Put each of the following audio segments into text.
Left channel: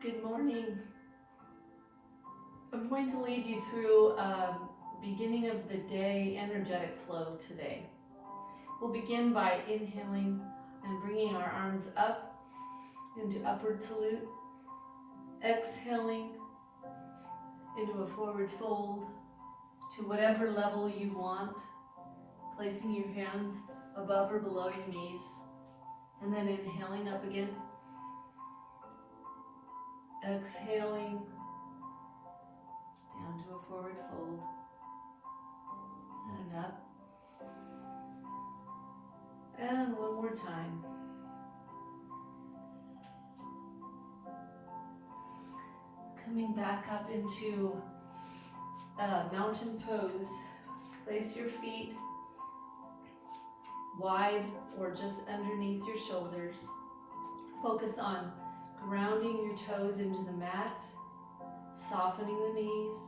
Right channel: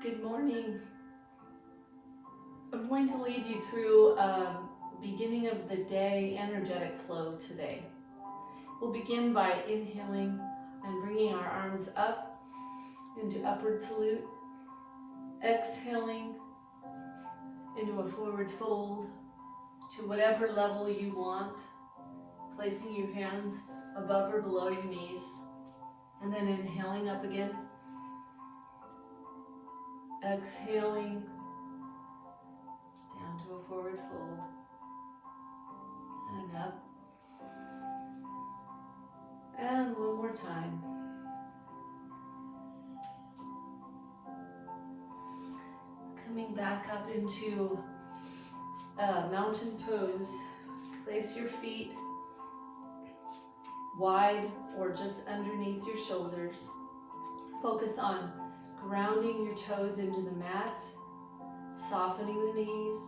Good morning. I'm going to lead you through a beginning of the day energetic flow today. We'll begin by inhaling and bringing our arms up into upward salute, exhaling into a forward fold to whatever level you want, placing your hands above or below your knees, and then inhaling up again, exhaling down to a forward fold, and up, and one more time. Coming back up into a mountain pose. Place your feet wide or just underneath your shoulders. Focus on grounding your toes into the mat, softening the knees,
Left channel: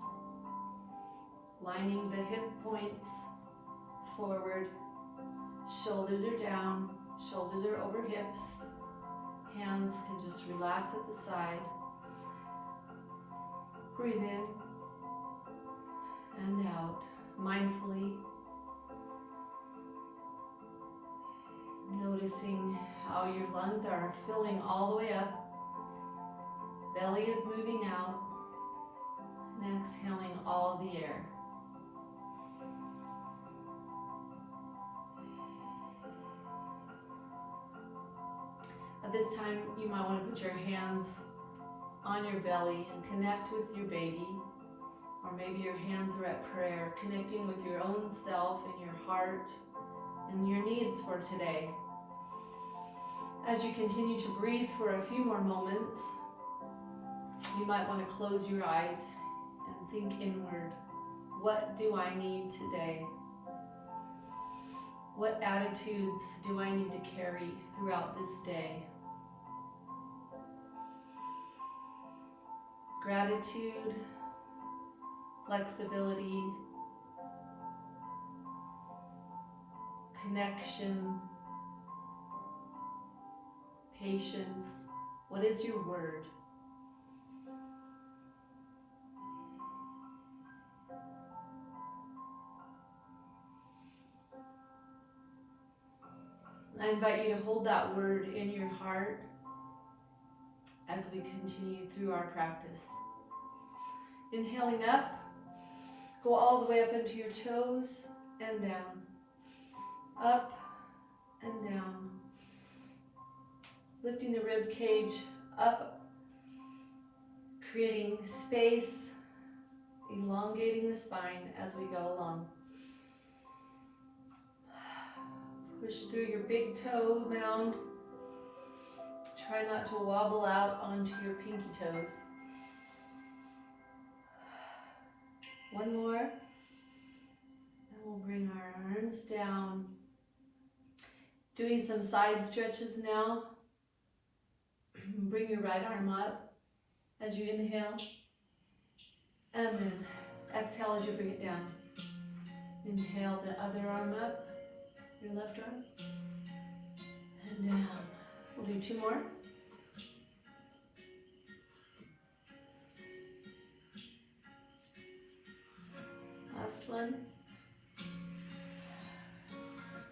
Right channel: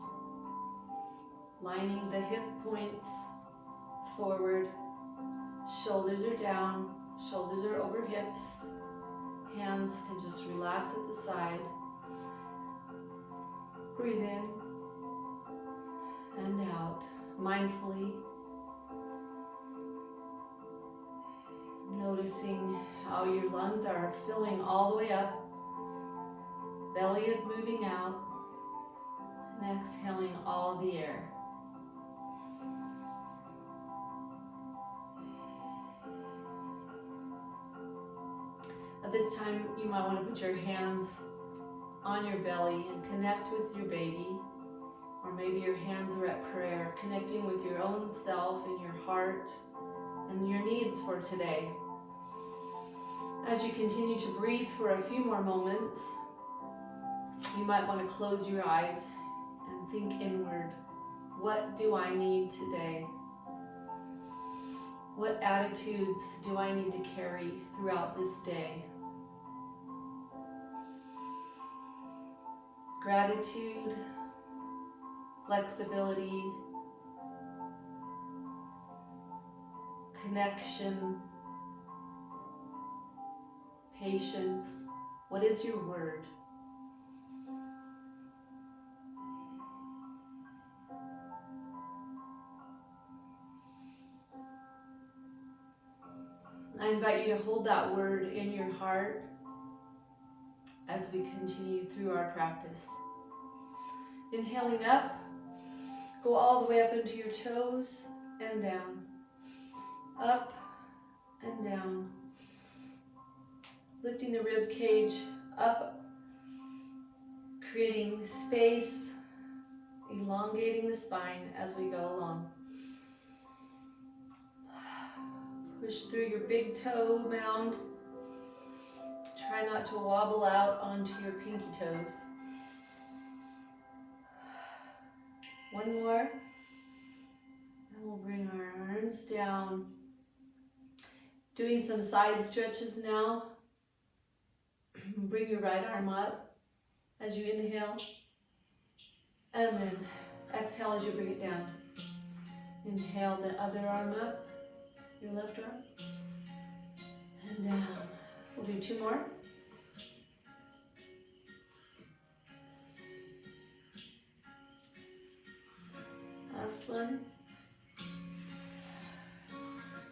lining the hip points forward. Shoulders are down, shoulders are over hips. Hands can just relax at the side. Breathe in and out mindfully. Noticing how your lungs are filling all the way up. Belly is moving out. And exhaling all the air. At this time, you might want to put your hands on your belly and connect with your baby, or maybe your hands are at prayer, connecting with your own self and your heart and your needs for today. As you continue to breathe for a few more moments, you might want to close your eyes and think inward. What do I need today? What attitudes do I need to carry throughout this day? Gratitude, flexibility, connection, patience. What is your word? I invite you to hold that word in your heart as we continue through our practice. Inhaling up, go all the way up into your toes and down, up and down. Lifting the rib cage up, creating space, elongating the spine as we go along. Push through your big toe mound. Try not to wobble out onto your pinky toes. One more. And we'll bring our arms down. Doing some side stretches now. Bring your right arm up as you inhale. And then exhale as you bring it down. Inhale the other arm up, your left arm. And down. We'll do two more. Last one.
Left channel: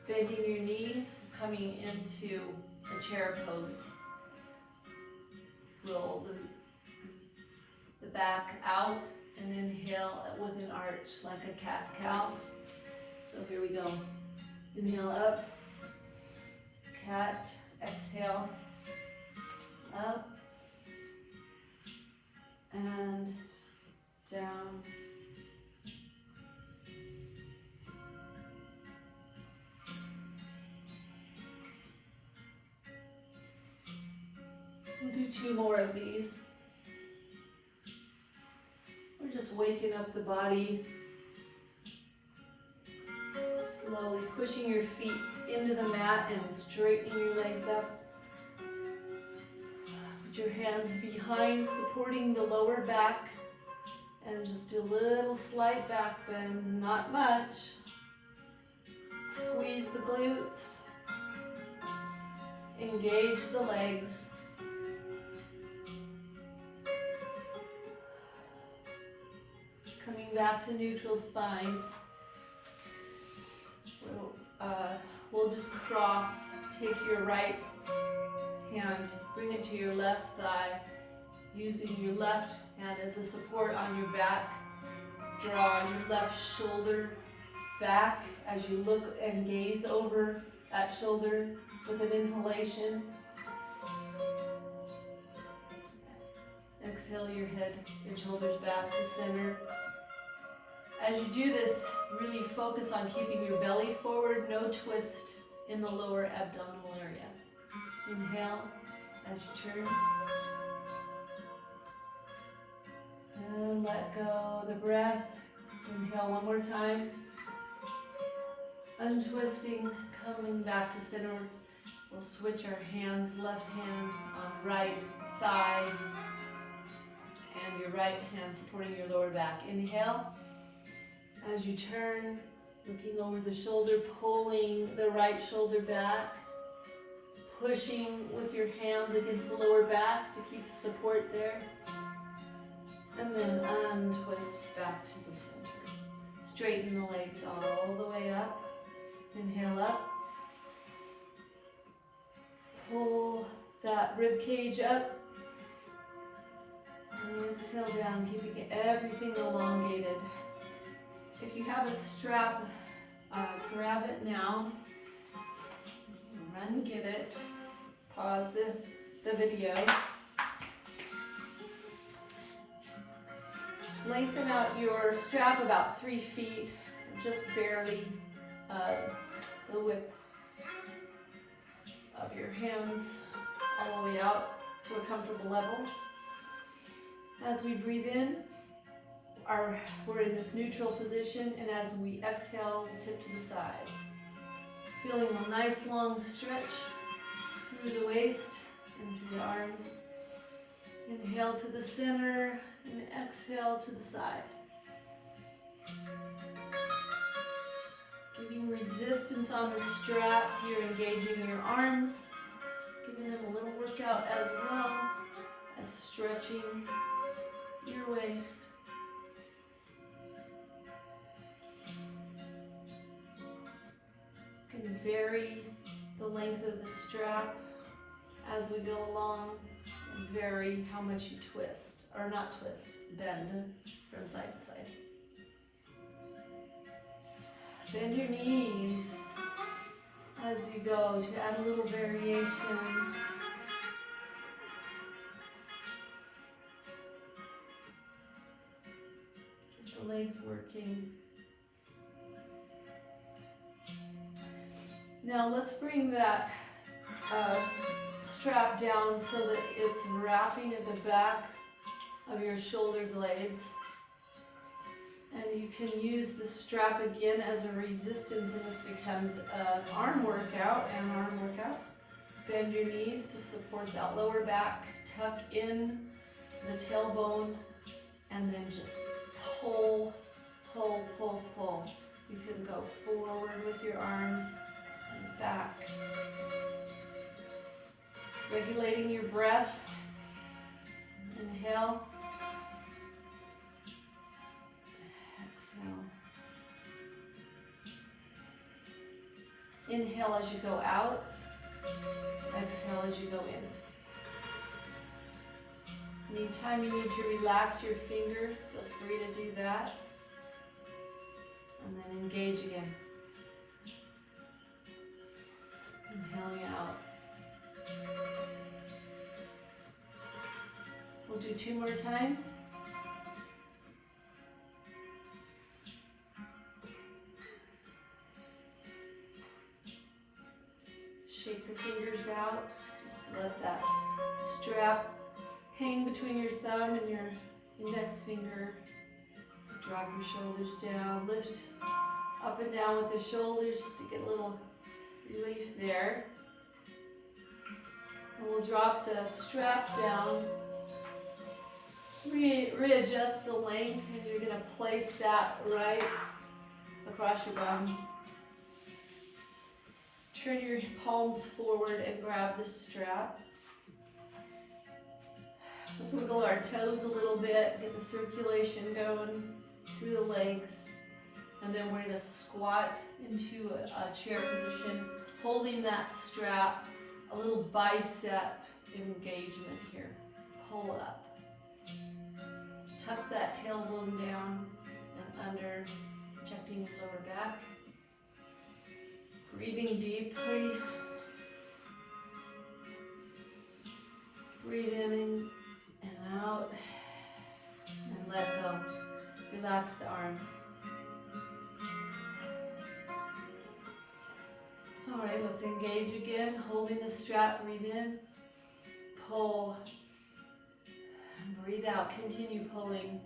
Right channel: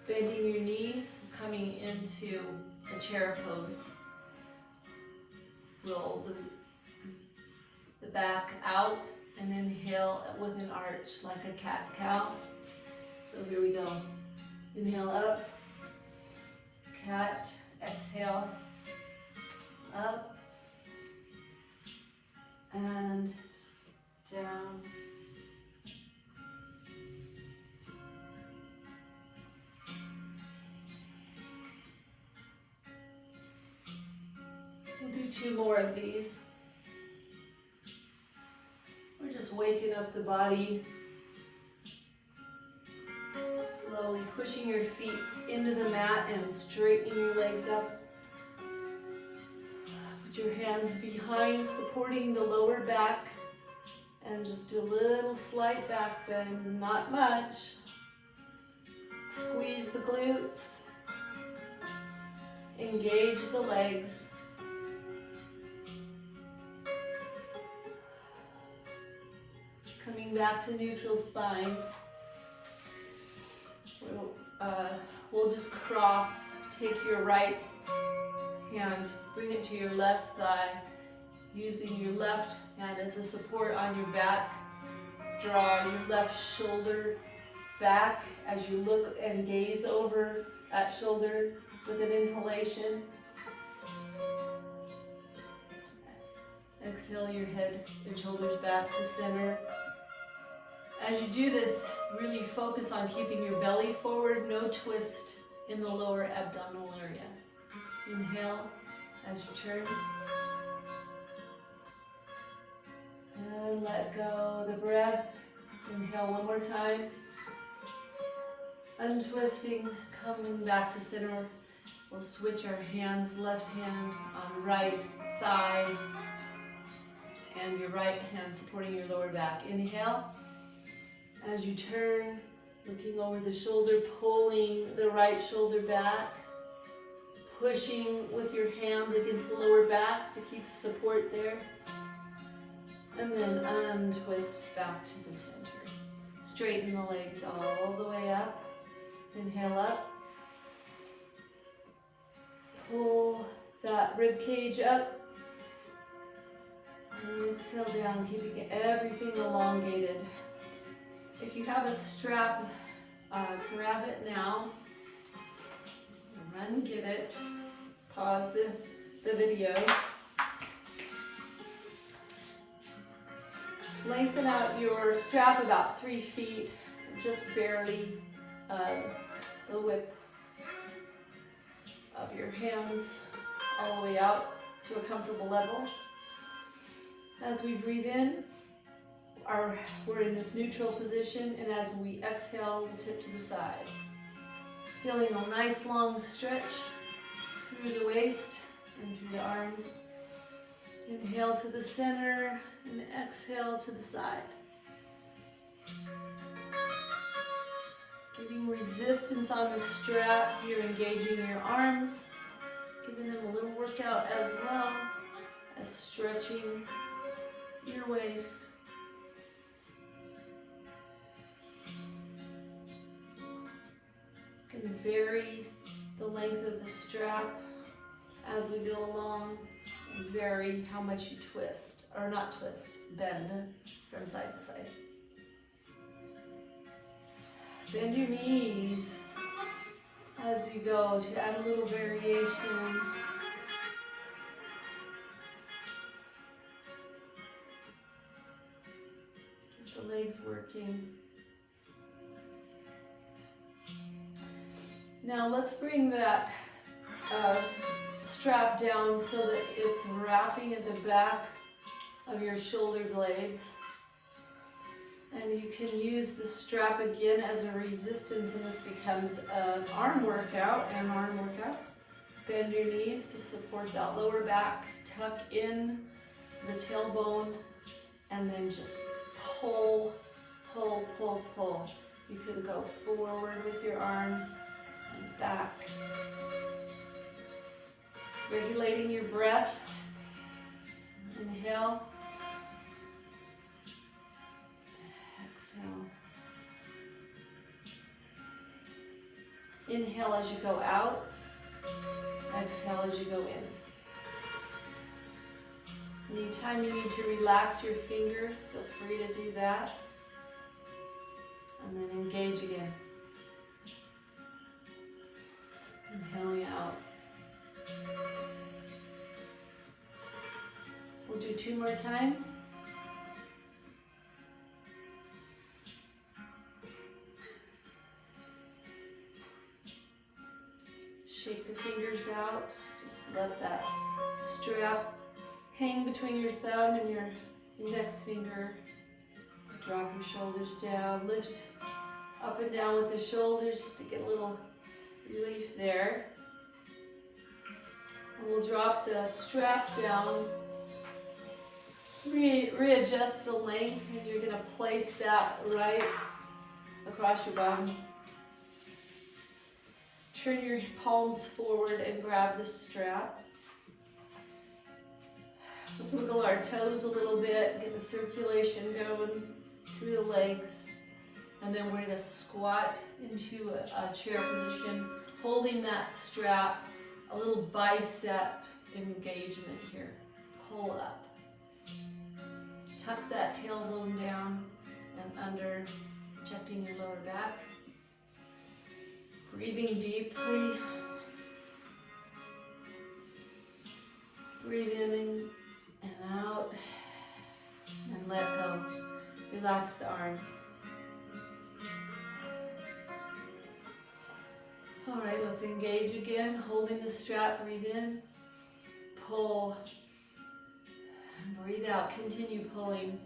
Bending your knees, coming into the chair pose. Roll the back out and inhale with an arch like a cat-cow. So here we go. Inhale up, cat, exhale, up, and down. We'll do two more of these. We're just waking up the body. Slowly pushing your feet into the mat and straightening your legs up. Put your hands behind, supporting the lower back. And just a little slight back bend, not much. Squeeze the glutes. Engage the legs. Coming back to neutral spine. We'll just cross. Take your right hand, bring it to your left thigh, using your left hand as a support on your back. Draw your left shoulder back as you look and gaze over that shoulder with an inhalation. Exhale your head and shoulders back to center. As you do this, really focus on keeping your belly forward, no twist in the lower abdominal area. Inhale as you turn. And let go the breath. Inhale one more time. Untwisting, coming back to center. We'll switch our hands, left hand on right thigh, and your right hand supporting your lower back. Inhale. As you turn, looking over the shoulder, pulling the right shoulder back, pushing with your hands against the lower back to keep support there. And then untwist back to the center. Straighten the legs all the way up. Inhale up. Pull that rib cage up. And exhale down, keeping everything elongated. If you have a strap, grab it now. Run, get it. Pause the video. Lengthen out your strap about 3 feet, just barely the width of your hands all the way out to a comfortable level. As we breathe in, we're in this neutral position, and as we exhale, tip to the side. Feeling a nice long stretch through the waist and through the arms. Inhale to the center and exhale to the side. Giving resistance on the strap, you're engaging your arms, giving them a little workout as well as stretching your waist. You can vary the length of the strap as we go along, and vary how much you twist, or not twist, bend from side to side. Bend your knees as you go to add a little variation. Get the legs working. Now let's bring that strap down so that it's wrapping at the back of your shoulder blades. And you can use the strap again as a resistance, and this becomes an arm workout. Bend your knees to support that lower back. Tuck in the tailbone, and then just pull, pull, pull, pull. You can go forward with your arms and back. Regulating your breath. Inhale. Exhale. Inhale as you go out. Exhale as you go in. Anytime you need to relax your fingers, feel free to do that. And then engage again. Inhaling out. We'll do 2 more times. Shake the fingers out. Just let that strap hang between your thumb and your index finger. Drop your shoulders down. Lift up and down with the shoulders just to get a little relief there. And we'll drop the strap down. Readjust the length, and you're going to place that right across your bum. Turn your palms forward and grab the strap. Let's wiggle our toes a little bit, get the circulation going. through the legs. And then we're going to squat into a chair position, holding that strap, a little bicep engagement here. Pull up. Tuck that tailbone down and under, protecting your lower back. Breathing deeply. Breathe in and out. And let go. Relax the arms. All right, let's engage again. Holding the strap, breathe in. Pull. And breathe out. Continue pulling.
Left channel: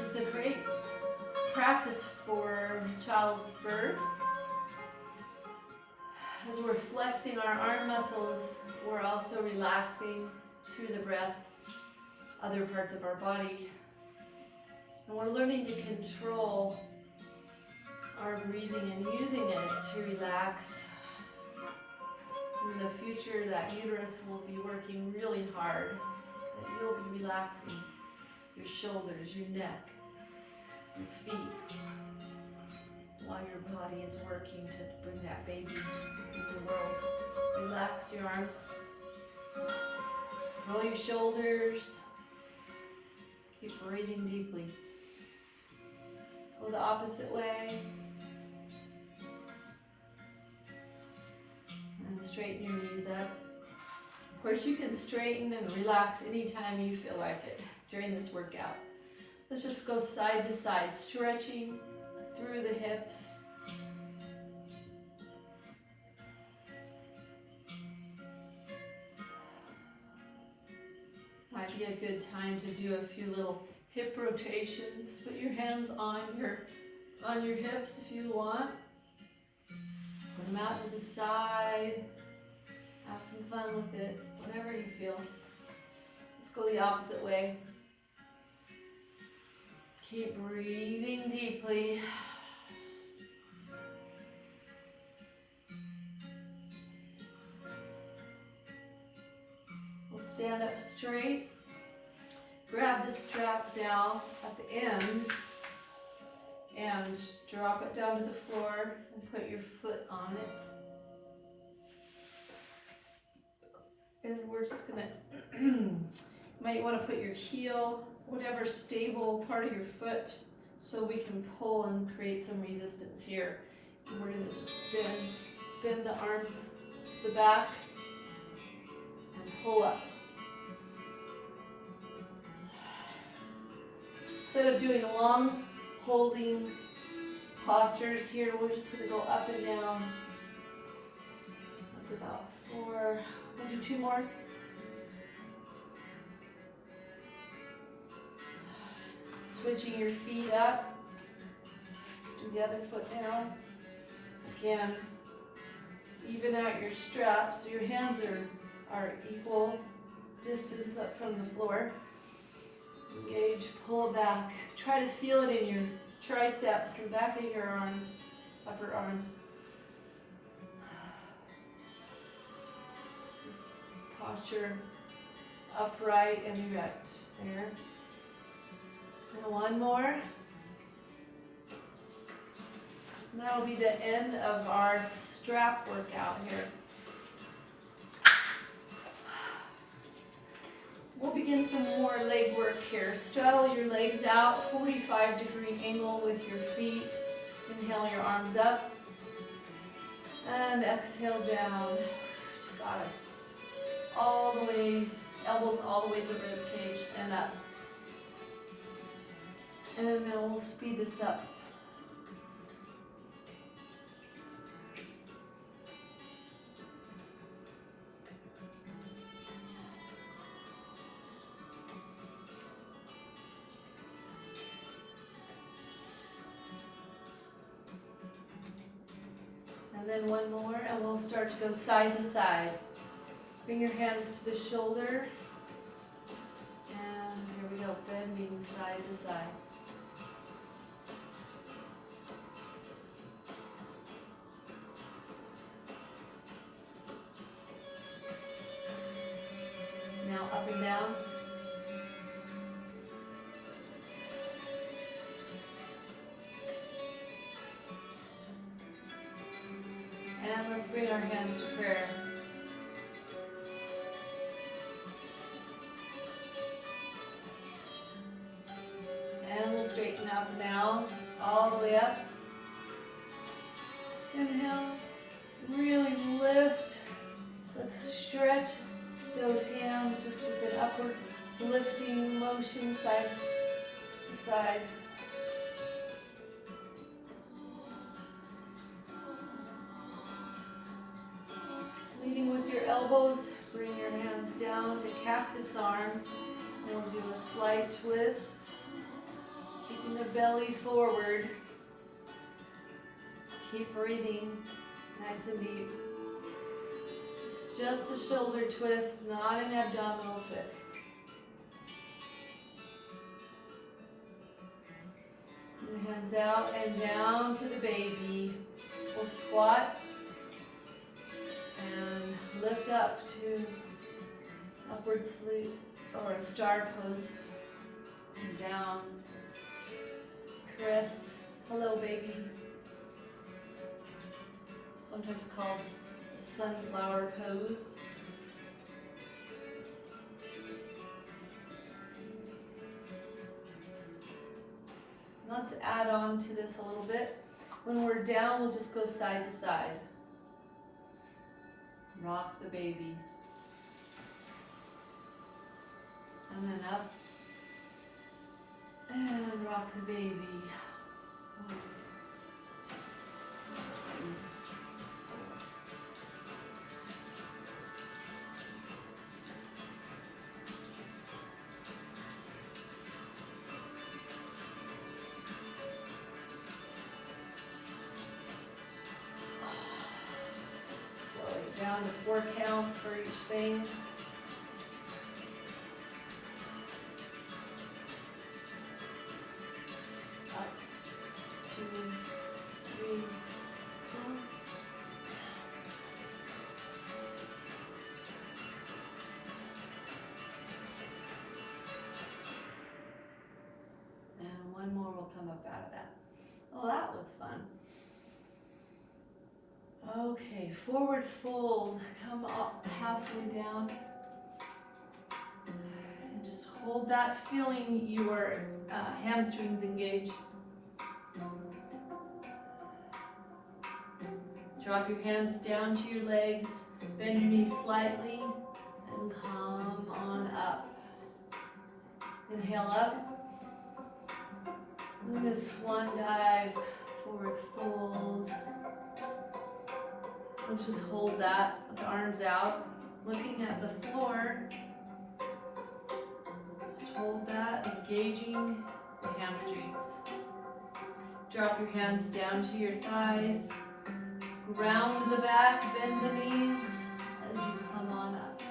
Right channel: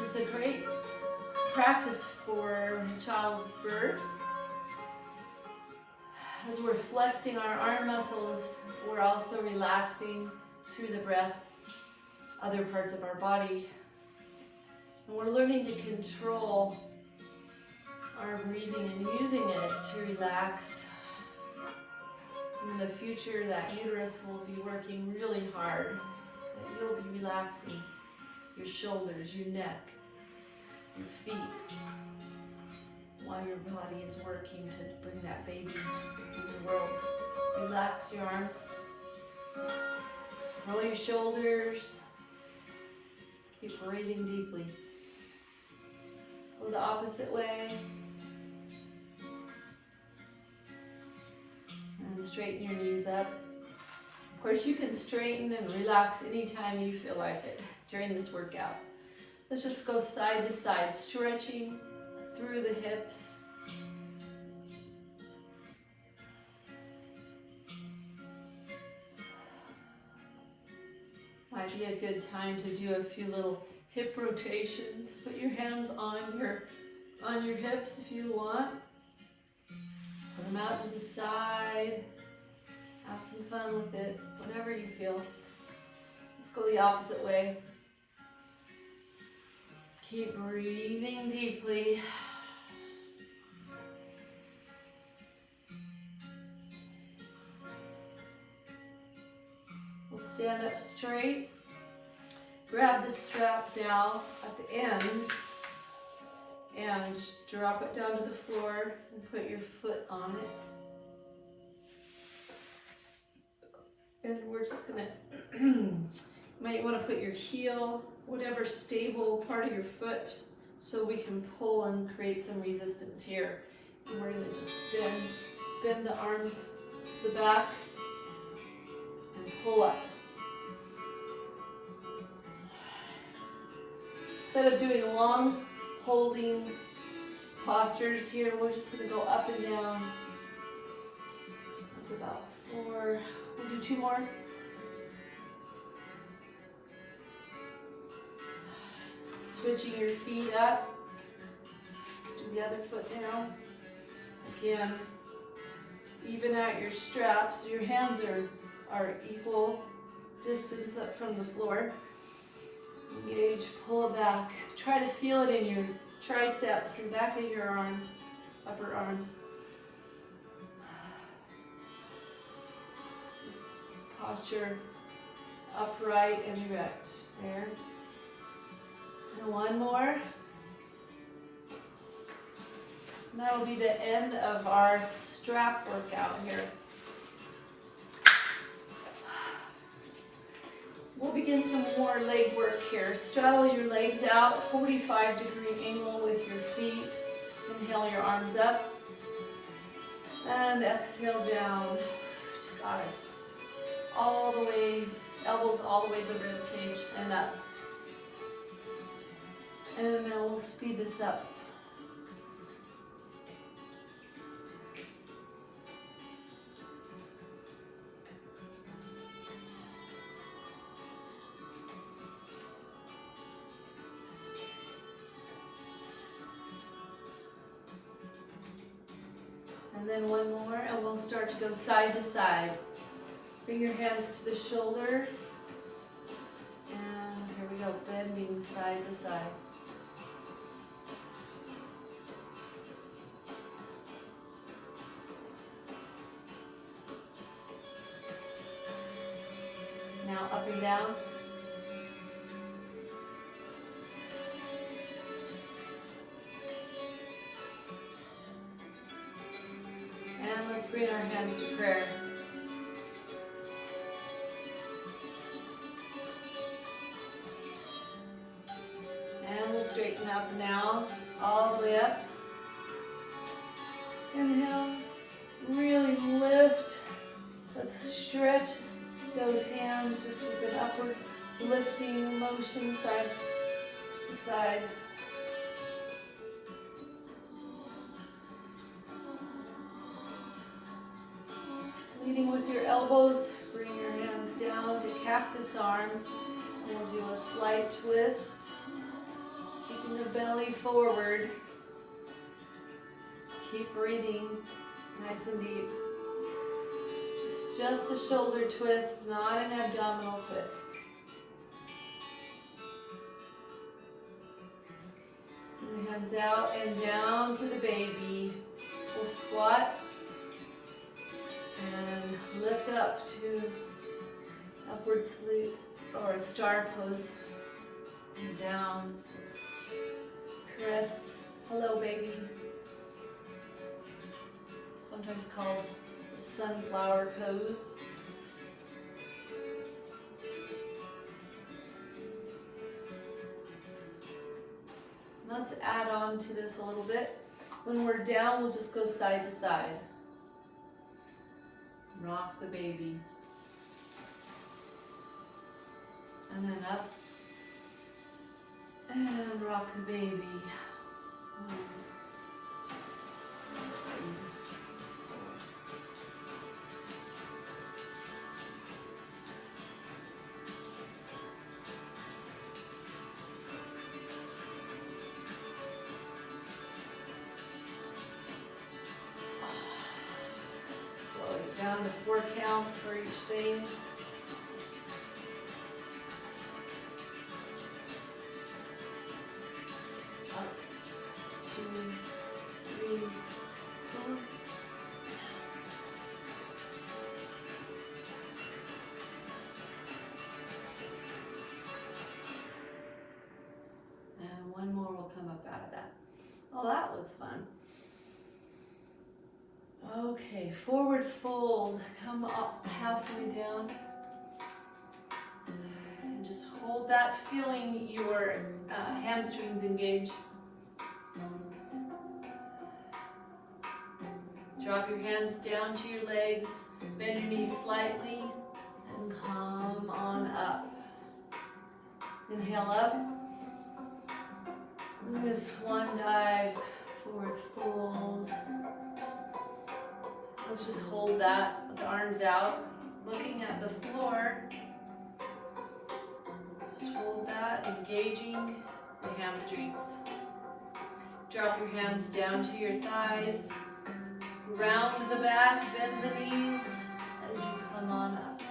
This is a great practice for childbirth. As we're flexing our arm muscles, we're also relaxing through the breath other parts of our body. And we're learning to control our breathing and using it to relax. In the future, that uterus will be working really hard. That you'll be relaxing your shoulders, your neck, your feet, while your body is working to bring that baby into the world. Relax your arms. Roll your shoulders. Keep breathing deeply. Go the opposite way. And straighten your knees up. Of course, you can straighten and relax anytime you feel like it during this workout. Let's just go side to side, stretching through the hips. Might be a good time to do a few little hip rotations. Put your hands on your hips if you want. Put them out to the side. Have some fun with it, whatever you feel. Let's go the opposite way. Keep breathing deeply. We'll stand up straight. Grab the strap down at the ends and drop it down to the floor and put your foot on it. And we're just gonna, you might want to put your heel, whatever stable part of your foot, so we can pull and create some resistance here. And we're gonna just bend the arms to the back and pull up. Instead of doing long holding postures here, we're just gonna go up and down. That's about 4. We'll do 2 more. Switching your feet up. Do the other foot down. Again, even out your straps so your hands are equal distance up from the floor. Engage, pull it back. Try to feel it in your triceps and back of your arms, upper arms. Posture upright and erect. There. And 1 more. And that'll be the end of our strap workout here. We'll begin some more leg work here. Straddle your legs out, 45-degree angle with your feet. Inhale your arms up. And exhale down to goddess. All the way, elbows all the way to the rib cage and up. And now we'll speed this up. And then 1 more, and we'll start to go side to side. Bring your hands to the shoulders. And here we go, bending side to side. Now up and down. let's bring our hands to prayer. And we'll straighten up now, all the way up. Inhale, really lift. Let's stretch those hands just with an upward lifting motion side to side. Leading with your elbows, bring your hands down to cactus arms. And we'll do a slight twist, keeping the belly forward. Keep breathing nice and deep. Just a shoulder twist, not an abdominal twist. And hands out and down to the baby. We'll squat and lift up to upward sleep or a star pose. And down. Caress. Hello, baby. Sometimes called sunflower pose. Let's add on to this a little bit. When we're down, we'll just go side to side. Rock the baby. And then up. And rock the baby. Down to 4 counts for each thing. Up, 2, 3, 4. And one more will come up out of that. Oh, that was fun. Okay, forward fold, come up halfway down. And just hold that, feeling your hamstrings engage. Drop your hands down to your legs, bend your knees slightly, and come on up. Inhale up. And this swan dive, forward fold. Let's just hold that with the arms out, looking at the floor. Just hold that, engaging the hamstrings. Drop your hands down to your thighs. Round the back, bend the knees as you come on up.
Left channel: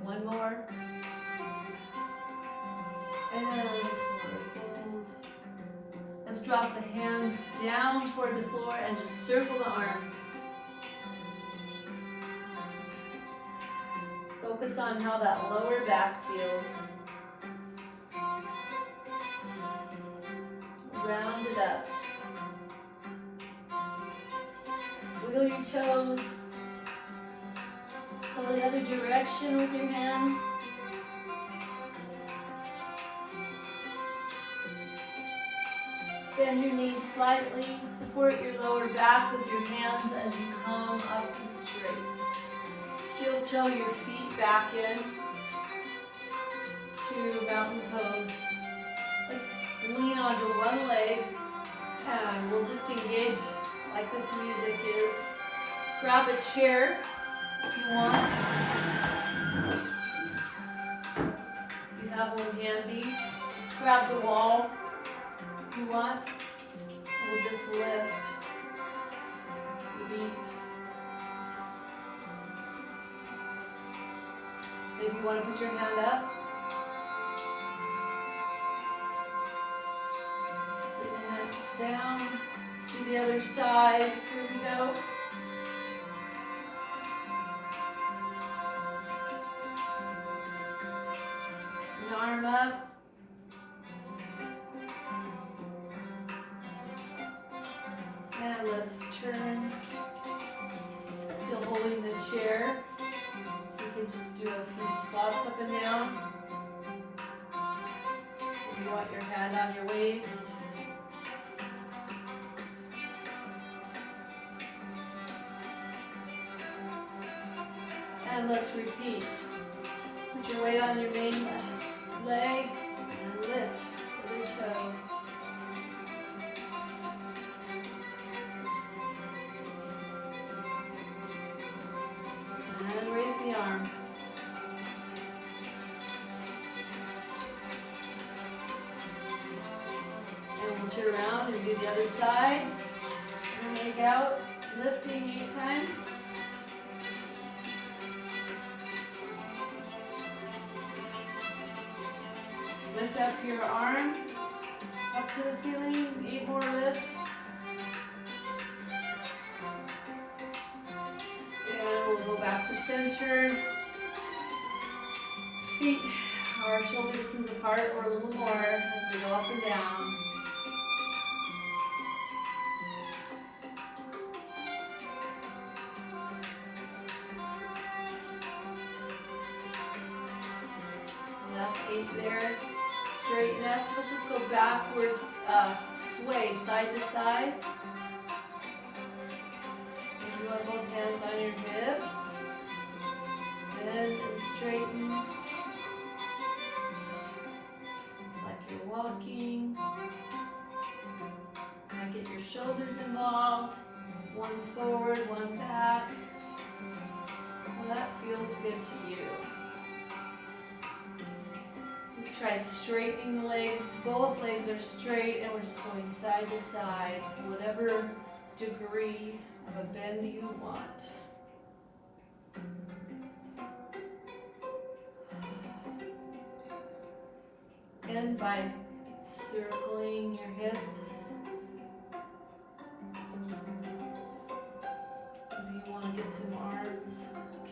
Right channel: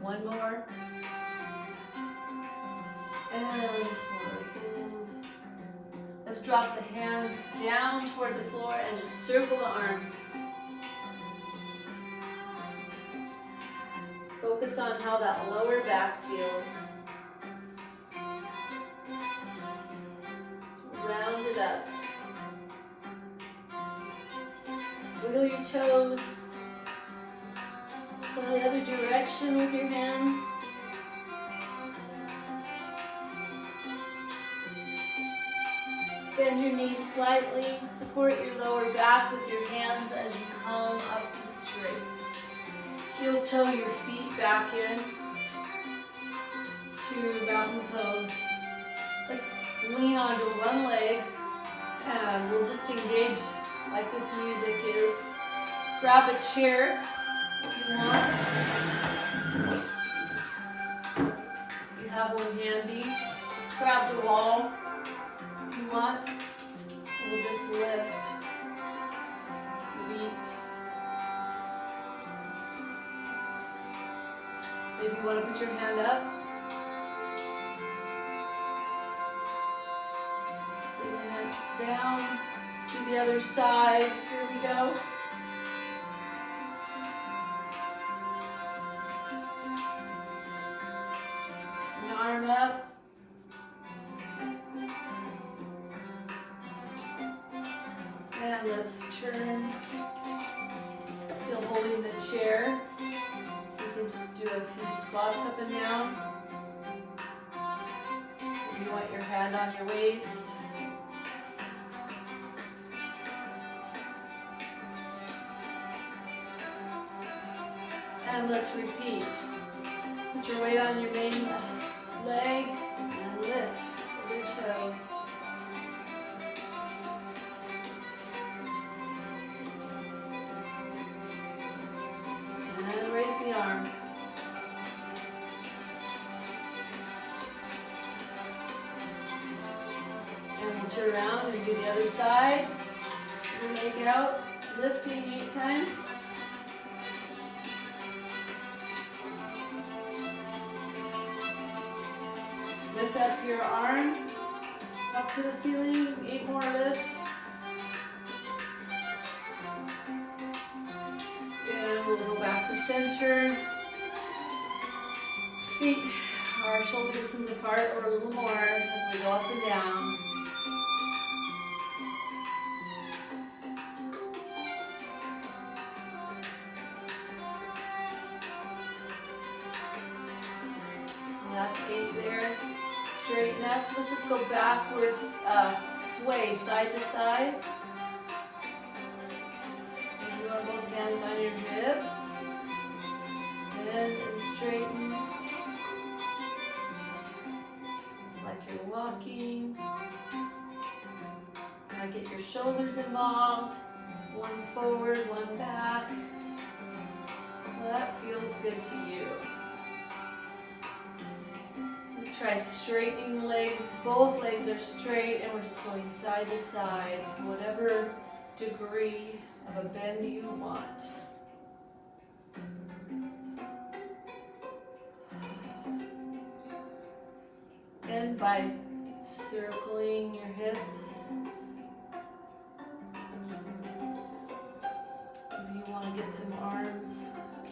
One more. And forward fold. Let's drop the hands down toward the floor and just circle the arms. Focus on how that lower back feels. Round it up. Wiggle your toes. Go the other direction with your hands. Bend your knees slightly. Support your lower back with your hands as you come up to straight. Heel toe your feet back in to mountain pose. Let's lean onto one leg and we'll just engage like this music is. Grab a chair if you want. You have one handy. Grab the wall. If you want, we'll just lift the feet. Maybe you want to put your hand up. Put your hand down. Let's do the other side. Here we go. An arm up. And And let's turn. Still holding the chair. You can just do a few squats up and down. If you want your hand on your waist. And let's repeat. Put your weight on your main leg and lift with your toe. And raise the arm. And we'll turn around and do the other side. And leg out, lifting 8 times. Lift up your arm, up to the ceiling, 8 more lifts. And we'll go back to center. Feet are shoulder distance apart or a little more as we go up and down. Well, that's 8 there. Straighten up. Let's just go backward, sway side to side. And you want both hands on your hips. And straighten. Like you're walking. Might get your shoulders involved. One forward, one back. Well, that feels good to you. Let's try straightening the legs. Both legs are straight and we're just going side to side, whatever degree of a bend you want. And by circling your hips. Maybe you want to get some arms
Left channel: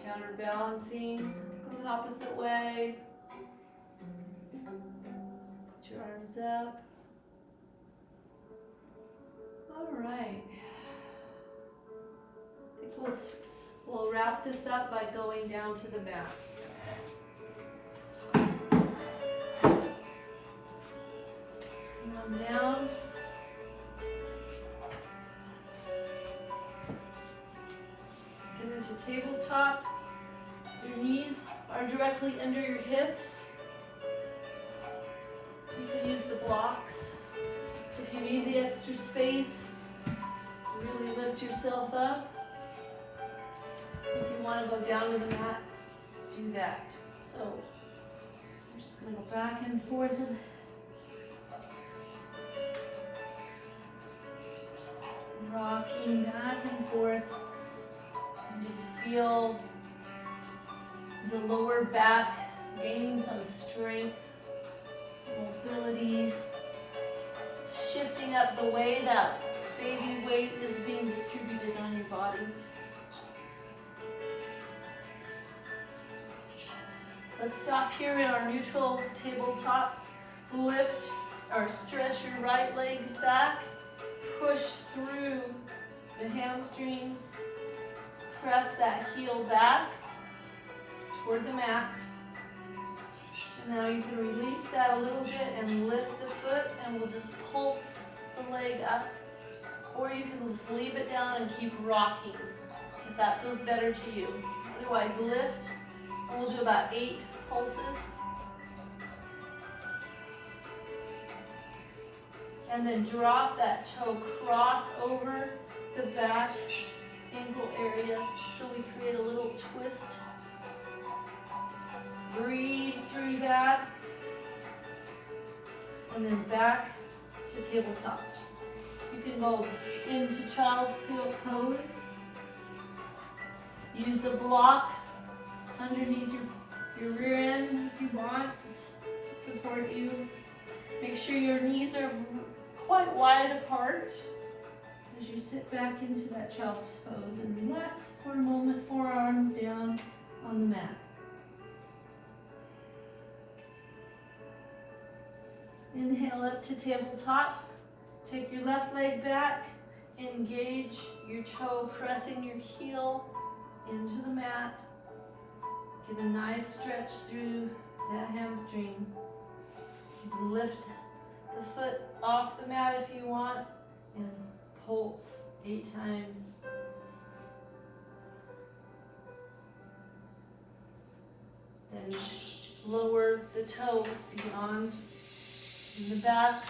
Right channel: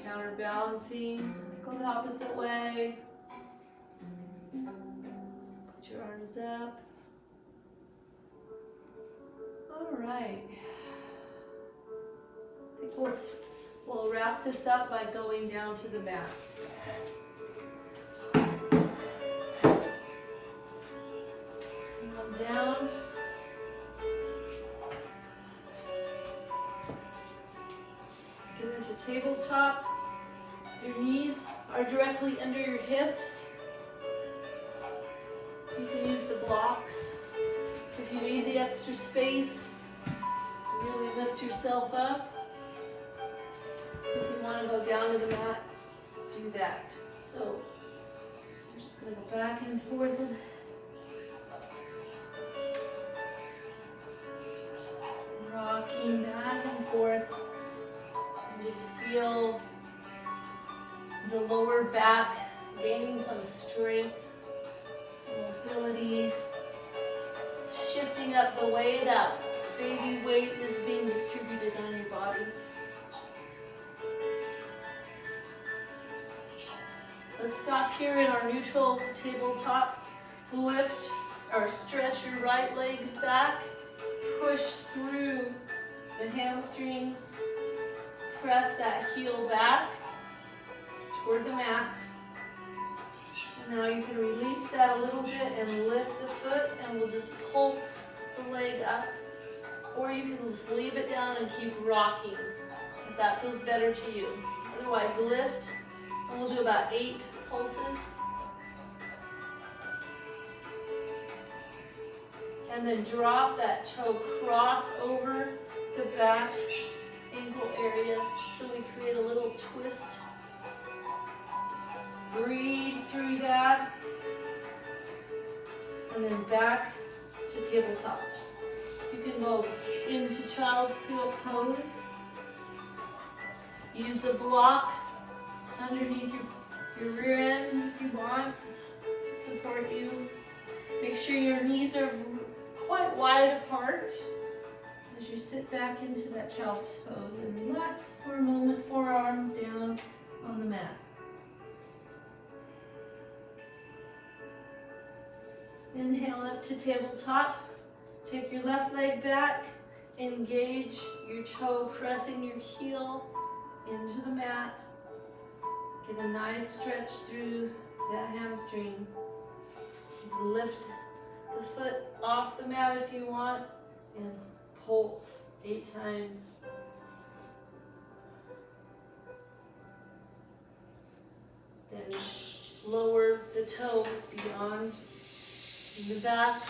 counterbalancing. Go the opposite way. Put your arms up. All right. I think we'll wrap this up by going down to the mat. Come down. Get into tabletop. Your knees are directly under your hips. You can use the blocks. If you need the extra space, really lift yourself up. If you want to go down to the mat, do that. So, I'm just going to go back and forth. Rocking back and forth. And just feel the lower back gaining some strength, some mobility. Shifting up the way that baby weight is being distributed on your body. Let's stop here in our neutral tabletop. Lift or stretch your right leg back. Push through the hamstrings. Press that heel back toward the mat. And now you can release that a little bit and lift the foot, and we'll just pulse the leg up. Or you can just leave it down and keep rocking if that feels better to you. Otherwise, lift, and we'll do about 8 pulses. And then drop that toe, cross over the back ankle area so we create a little twist. Breathe through that. And then back to tabletop. You can go into child's pose. Use the block underneath your rear end if you want to support you. Make sure your knees are quite wide apart as you sit back into that child's pose and relax for a moment, forearms down on the mat. Inhale up to tabletop. Take your left leg back engage your toe, pressing your heel into the mat. Get a nice stretch through that hamstring. You can lift the foot off the mat if you want and pulse 8 times. Then lower the toe beyond the back,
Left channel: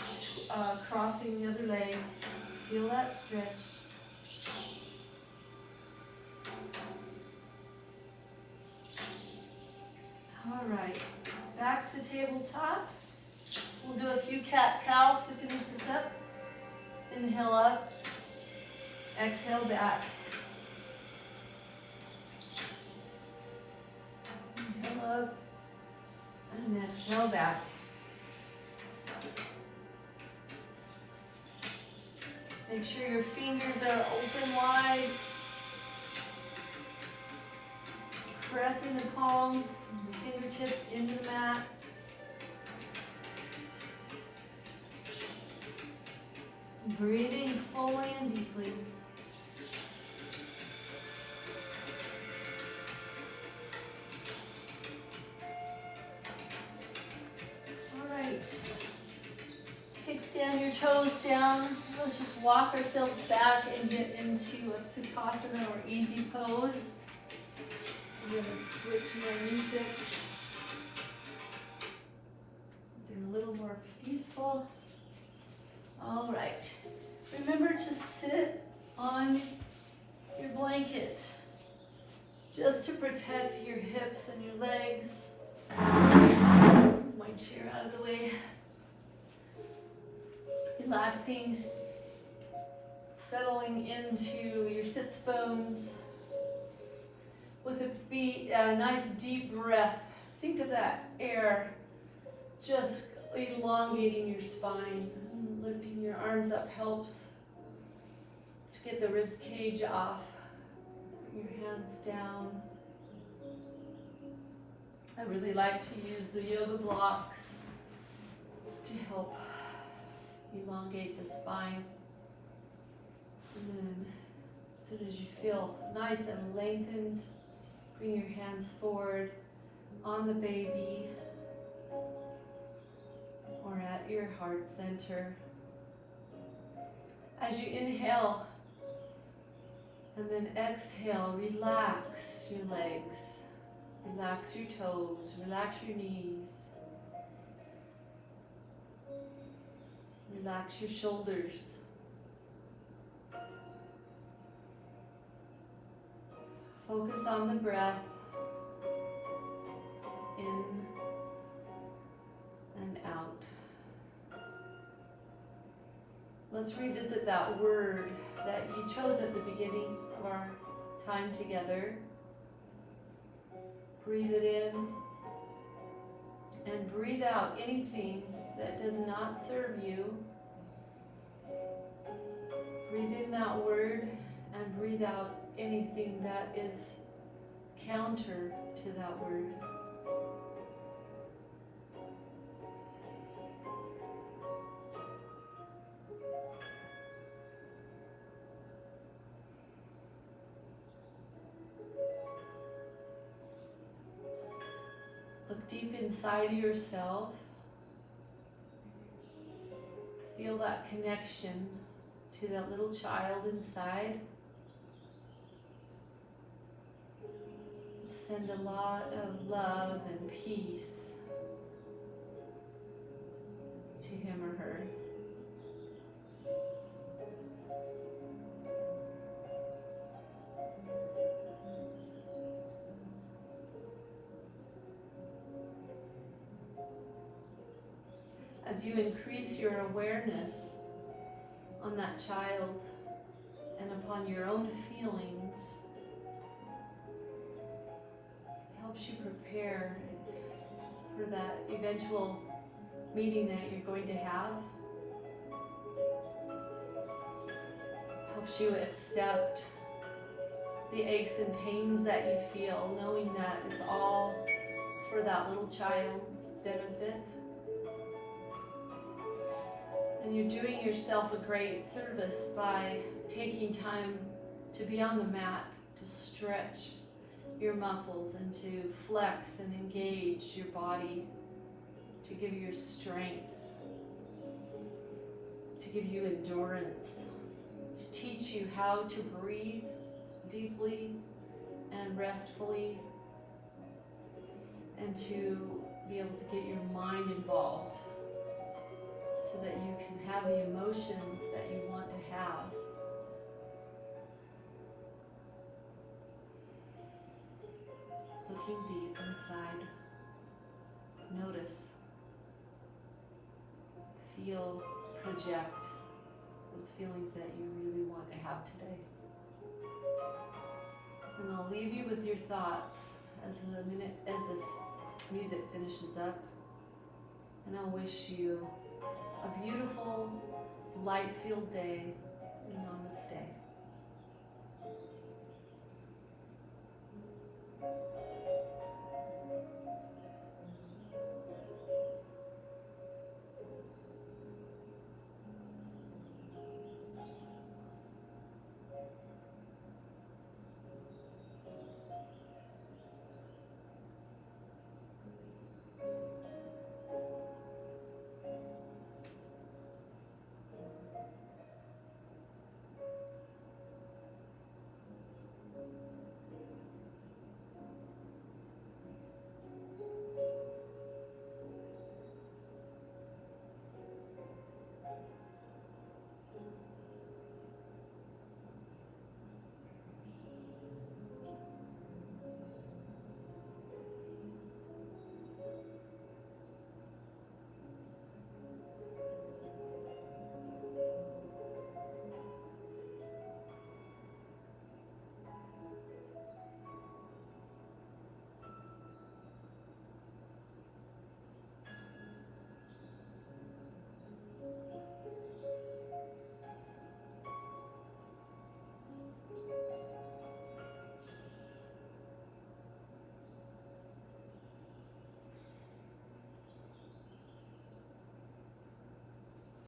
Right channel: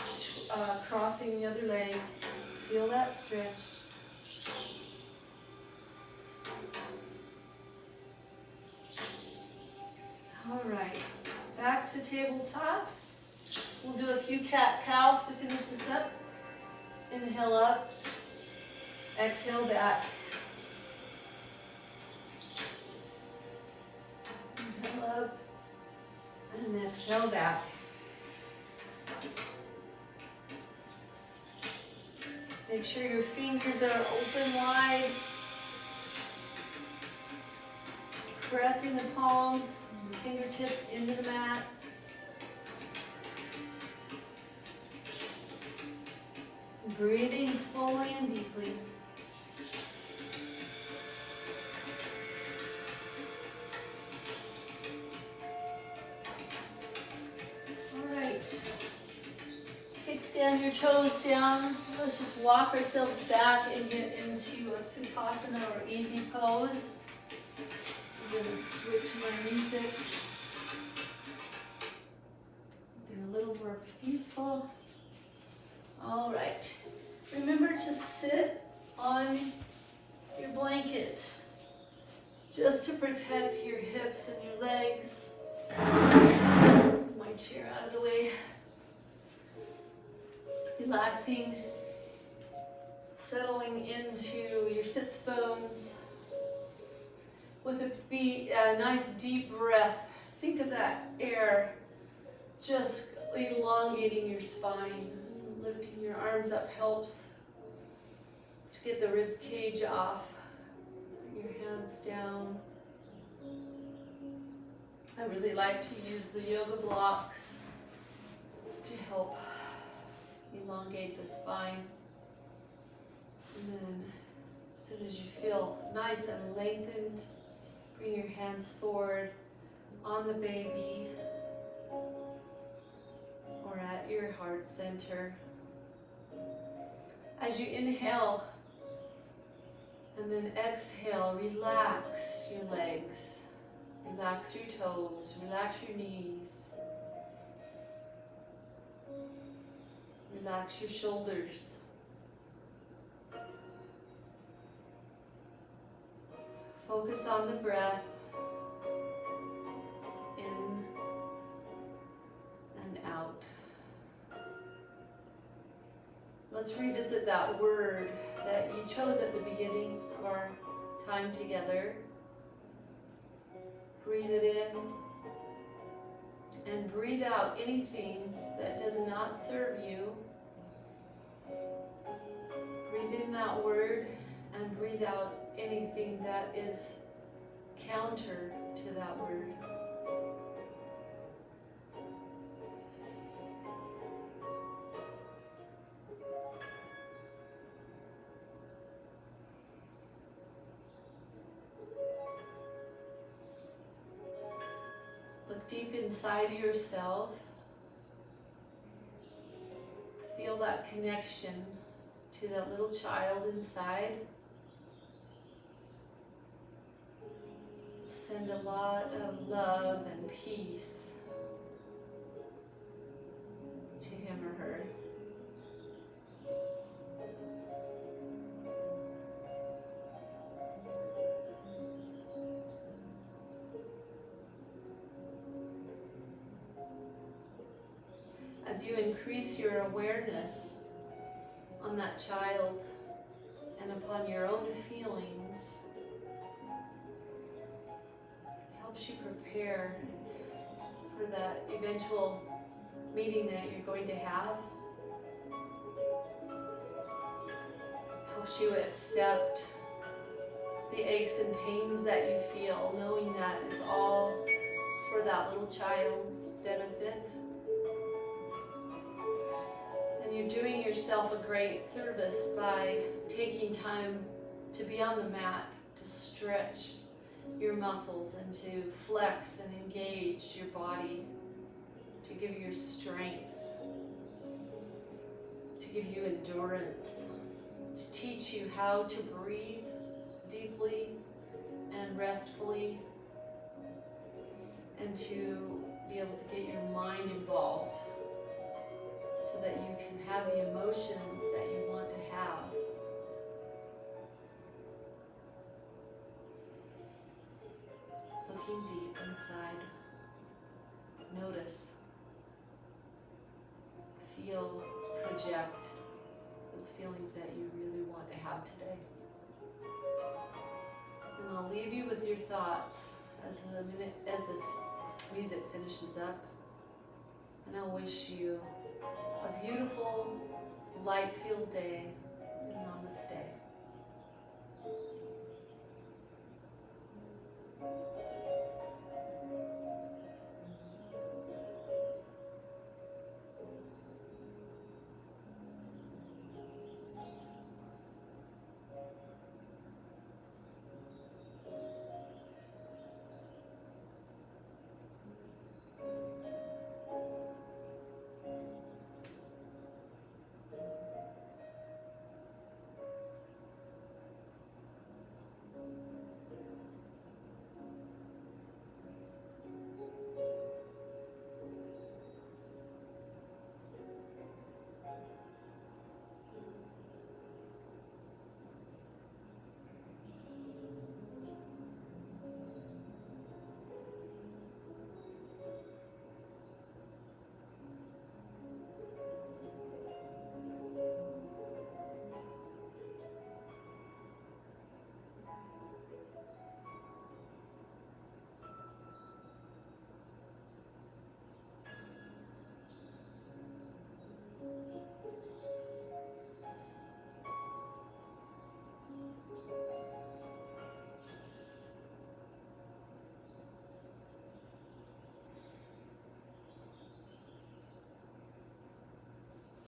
crossing the other leg. Feel that stretch. All right, back to tabletop. We'll do a few cat-cows to finish this up. Inhale up, exhale back. Inhale up, and exhale back. Make sure your fingers are open wide. Pressing the palms, the fingertips into the mat. Breathing fully and deeply. All right. Kickstand your toes down. Let's just walk ourselves back and get into a Sukhasana or easy pose. We're going to switch our music. Get a little more peaceful. All right. Remember to sit on your blanket just to protect your hips and your legs. Move my chair out of the way. Relaxing, settling into your sits bones with a nice deep breath. Think of that air just elongating your spine. Lifting your arms up helps to get the ribs cage off. Put your hands down. I really like to use the yoga blocks to help elongate the spine. And then as soon as you feel nice and lengthened, bring your hands forward on the baby or at your heart center. As you inhale and then exhale, relax your legs, relax your toes, relax your knees, relax your shoulders. Focus on the breath, in and out. Let's revisit that word that you chose at the beginning of our time together. Breathe it in and breathe out anything that does not serve you. Breathe in that word and breathe out anything that is counter to that word. Look deep inside yourself. Feel that connection to that little child inside. Send a lot of love and peace to him or her. As you increase your awareness on that child and upon your own feelings, helps you prepare for that eventual meeting that you're going to have. Helps you accept the aches and pains that you feel, knowing that it's all for that little child's benefit. And And you're doing yourself a great service by taking time to be on the mat, to stretch your muscles and to flex and engage your body, to give you strength, to give you endurance, to teach you how to breathe deeply and restfully, and to be able to get your mind involved so that you can have the emotions that you want to have. Looking deep inside, notice, feel, project those feelings that you really want to have today. And I'll leave you with your thoughts as the music finishes up. And I'll wish you a beautiful, light-filled day. Namaste.